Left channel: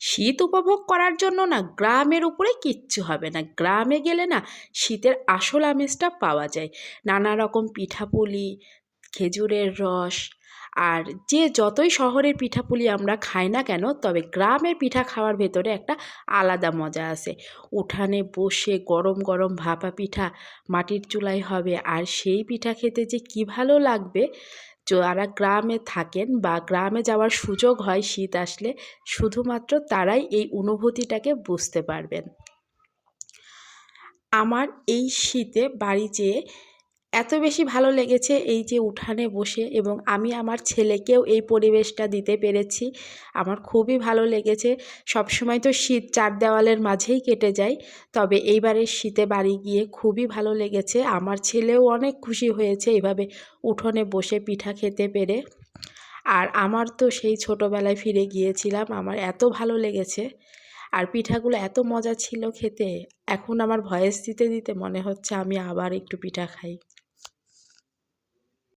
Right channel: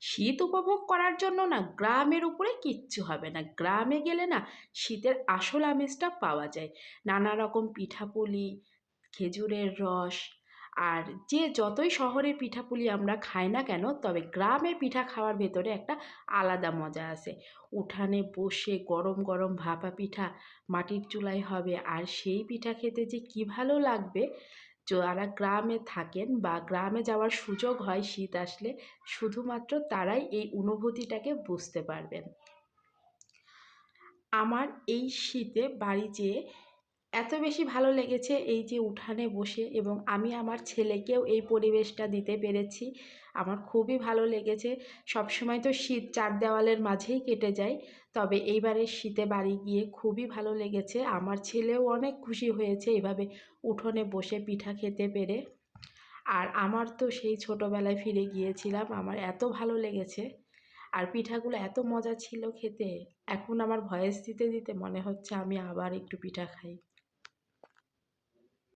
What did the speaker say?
শীত উপভোগ করার জন্য না গ্রামের উপরে কিচ্ছু হবে না। গ্রামে গেলে না শীতের আসল আমেজটা পাওয়া যায়। নানা রকম পিঠাপুলি, খেজুরের রস আর যে যতই শহরের পিঠাপুলি আমরা খাই না কেন, তবে গ্রামের পিঠা খাওয়ার ভেতরে একটা আলাদা মজা আছে। উঠানে বসে গরম গরম ভাপা পিঠা মাটির চুলায় হবে, আর সেই পিঠা খেতে যে কী ভালো লাগবে! যারা গ্রামে থাকেন বা গ্রামে যাওয়ার সুযোগ হয় শীত আসলে, শুধুমাত্র তারাই এই অনুভূতিটাকে বুঝতে পারবেন। আমার এই শীতে বাড়ি যেয়ে এত বেশি ভালো লেগেছে, এই যে উঠানে বসে, এবং আমি আমার ছেলেকেও এই পরিবেশটা দিতে পেরেছি। আমার খুবই ভালো লেগেছে। সবসময় তো শীত চার দেওয়ালের মাঝেই কেটে যায়, তবে এইবারের শীতে বাড়ি গিয়ে খুবই ভালো লেগেছে। আমার ছেলেও অনেক খুশি হয়েছে এভাবে উঠোনে বসে পিঠা খেতে পেরে। আর আমার তো সেই ছোটোবেলায় ফিরে গিয়েছিলাম, আমার এত ভালো লেগেছে। আর পিঠাগুলো এত মজা ছিল খেতে, এখন আমার ভয়েস দিতে দিতে মনে হচ্ছে আমি আবার একটু পিঠা খাই।